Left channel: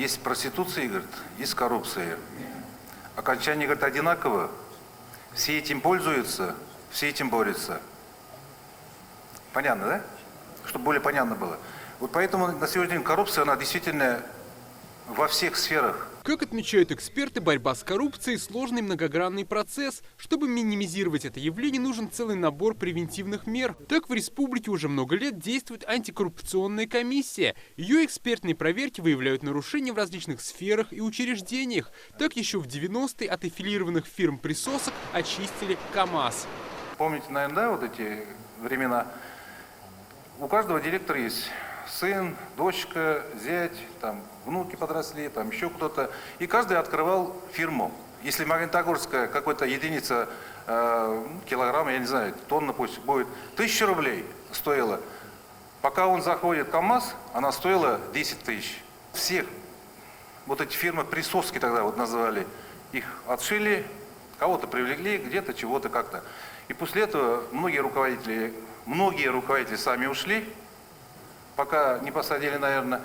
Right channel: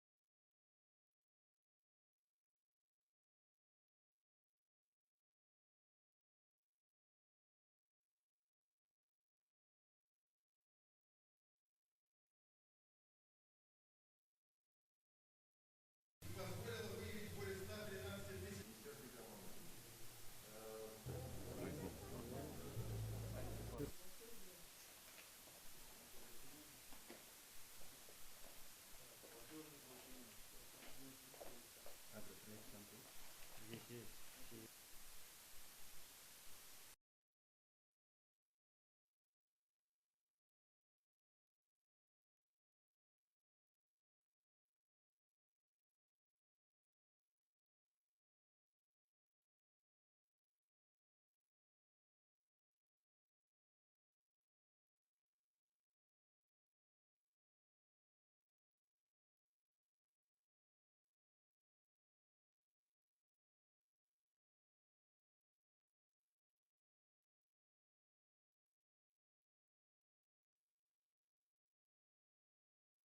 Есть проституция, говорит, есть коррупция. Окончание, говорит, одинаково. Все этим пользуются, все этим борются. Понятно, да? Чтобы более понятно было. Вот поэтому на сегодняшний день коррупция, она действительно во всех сферах. Как отмечают эксперты, борьба с коррупцией – сложный многогранный процесс. Чтобы минимизировать это явление, нужен целый набор превентивных мер. Так в республике уже много лет действует антикоррупционная комиссия. Ее экспертные проверки выявляют нарушения в различных сферах и учреждениях. Так еще в 90-е от аффилированных фирм присосок очистили КАМАЗ. Помните, наверное, да, вот эти времена? У каждого директора есть сын, дочка, зять, там, внуки подросли, там еще кто-то. И каждый открывал фирму. Если Магнитогорская какая-то единица, килограмм, я не знаю, тонна пусть будет, 1000 рублей стоила. Пока он заходит в КАМАЗ, она стоила 10 тысяч. Всех вот эти фирмы присоски тогда вот называли. Их отшили, кого-то привлекли, где-то чего-то как-то. И после этого многие руководители сами ушли, пока не посадили, наверное.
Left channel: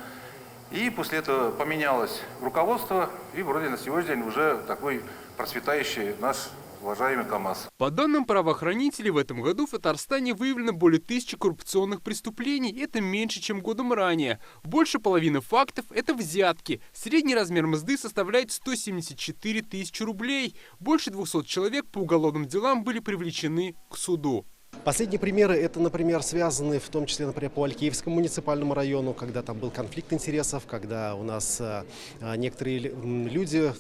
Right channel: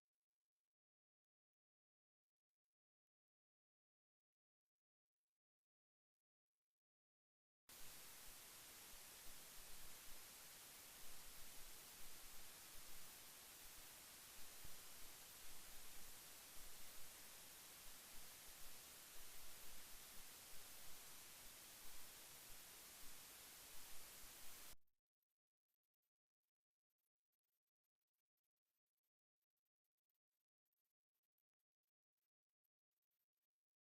И после этого поменялось руководство, и вроде на сегодняшний день уже такой процветающий наш уважаемый КАМАЗ. По данным правоохранителей, в этом году в Татарстане выявлено более 1000 коррупционных преступлений. Это меньше, чем годом ранее. Больше половины фактов – это взятки. Средний размер мзды составляет 174 тысячи рублей. Больше 200 человек по уголовным делам были привлечены к суду. Последние примеры – это, например, связаны в том числе, например, по Алькеевскому муниципальному району, когда там был конфликт интересов, когда у нас некоторые люди,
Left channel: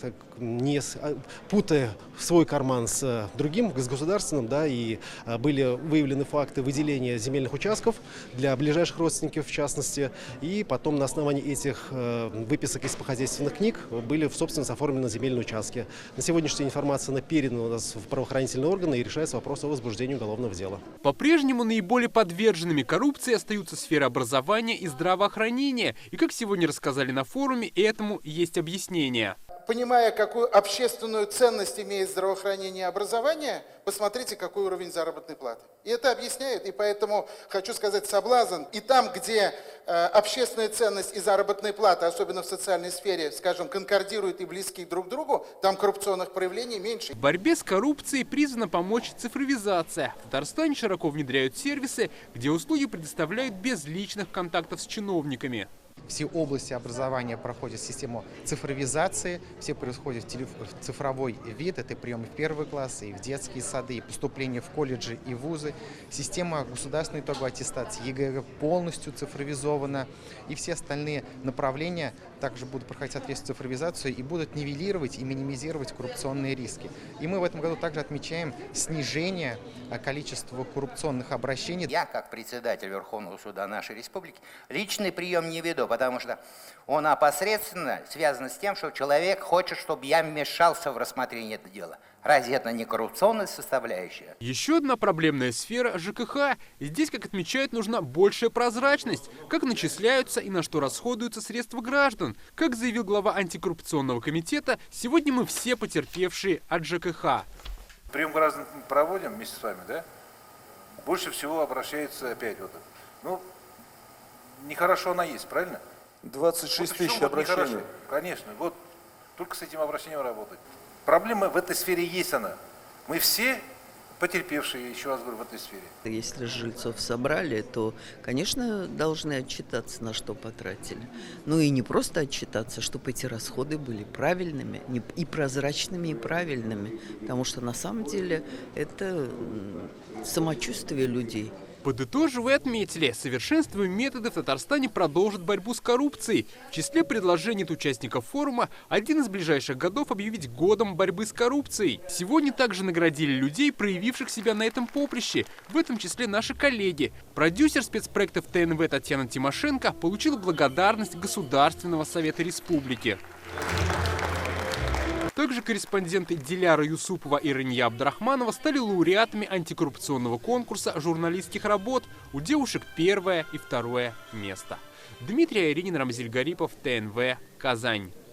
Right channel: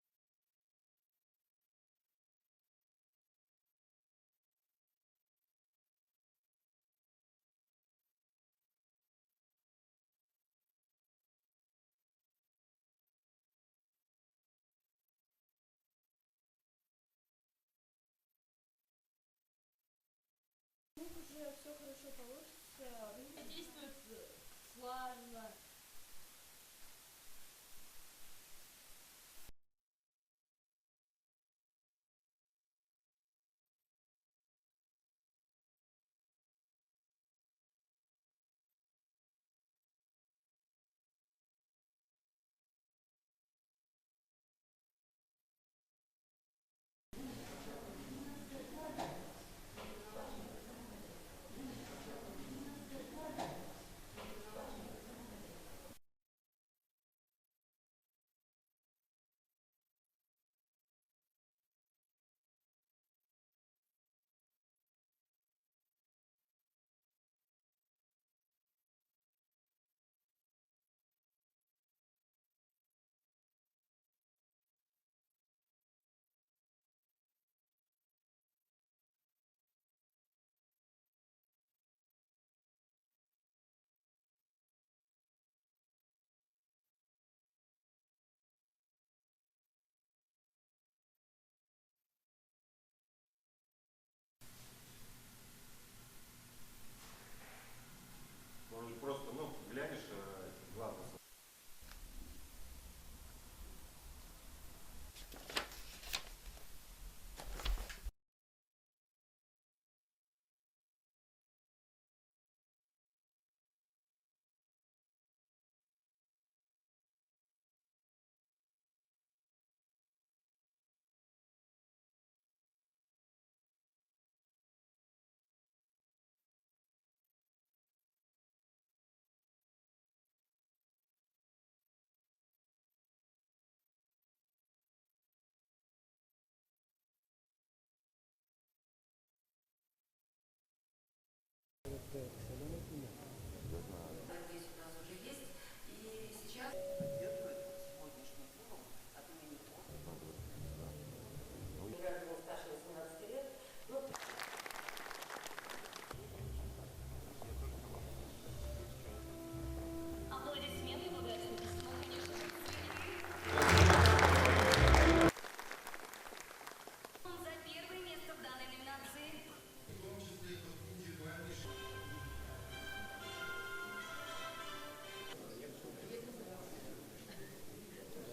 путая свой карман с другим, с государственным, да, и были выявлены факты выделения земельных участков для ближайших родственников, в частности, и потом на основании этих выписок из хозяйственных книг были в собственность оформлены земельные участки. На сегодняшний день информация передана у нас в правоохранительные органы и решается вопрос о возбуждении уголовного дела. По-прежнему наиболее подверженными коррупции остаются сферы образования и здравоохранения. И как сегодня рассказали на форуме, этому есть объяснение. Понимая, какую общественную ценность имеет здравоохранение и образование, посмотрите, какой уровень заработной платы. И это объясняет, и поэтому хочу сказать, соблазн. И там, где общественная ценность и заработная плата, особенно в социальной сфере, скажем, конкордируют и близки друг к другу, там коррупционных проявлений меньше. В борьбе с коррупцией призвана помочь цифровизация. В Татарстане широко внедряют сервисы, где услуги предоставляют без личных контактов с чиновниками. Все области образования проходят систему цифровизации, все происходит в цифровой вид, это приемы в первые классы, и в детские сады, и поступление в колледжи и вузы. Система государственной итоговой аттестации ЕГЭ полностью цифровизована, и все остальные направления также будут проходить соответствующую цифровизацию и будут нивелировать и минимизировать коррупционные риски. И мы в этом году также отмечаем снижение количества коррупционных обращений. Я, как председатель Верховного суда нашей республики, личный прием не веду, потому что он опосредственно связан с тем, что человек хочет, чтобы я вмешался в рассмотрение этого дела. Разве это не коррупционная составляющая? Еще одна проблемная сфера – ЖКХ. Здесь, как отмечают, нужна большая прозрачность. Как начисляются и на что расходуются средства граждан. Как заявил глава антикоррупционного комитета, сегодня мы все потерпевшие от ЖКХ. Прием граждан проводим вместе с вами, да? Больше всего обращается опять вот. Ну, нехорошо она есть, правильно? 26 вот тысяч вот обращений. Нехорошо. Конечно, вот только с этим обращением работать. Проблема в этой сфере есть она. Мы все потерпевшие, еще раз говорю, в этой сфере. Если жильцов собрали, то, конечно, должны отчитаться, на что потратили. Ну и не просто отчитаться, чтобы эти расходы были правильными, и прозрачными, и правильными. Потому что на самом деле это самочувствие людей. Подытоживая, отметили, совершенствуя методы в Татарстане продолжит борьбу с коррупцией. В числе предложений от участников форума один из ближайших годов объявить годом борьбы с коррупцией. Сегодня также наградили людей, проявивших себя на этом поприще. В этом числе наши коллеги. Продюсер спецпроектов ТНВ Татьяна Тимошенко получила благодарность Государственного совета республики. Также корреспонденты Диляра Юсупова и Рания Абдрахманова стали лауреатами антикоррупционного конкурса журналистских работ. У девушек 1 и 2 место. Дмитрий Айринин, Рамзиль Гарипов, ТНВ, Казань.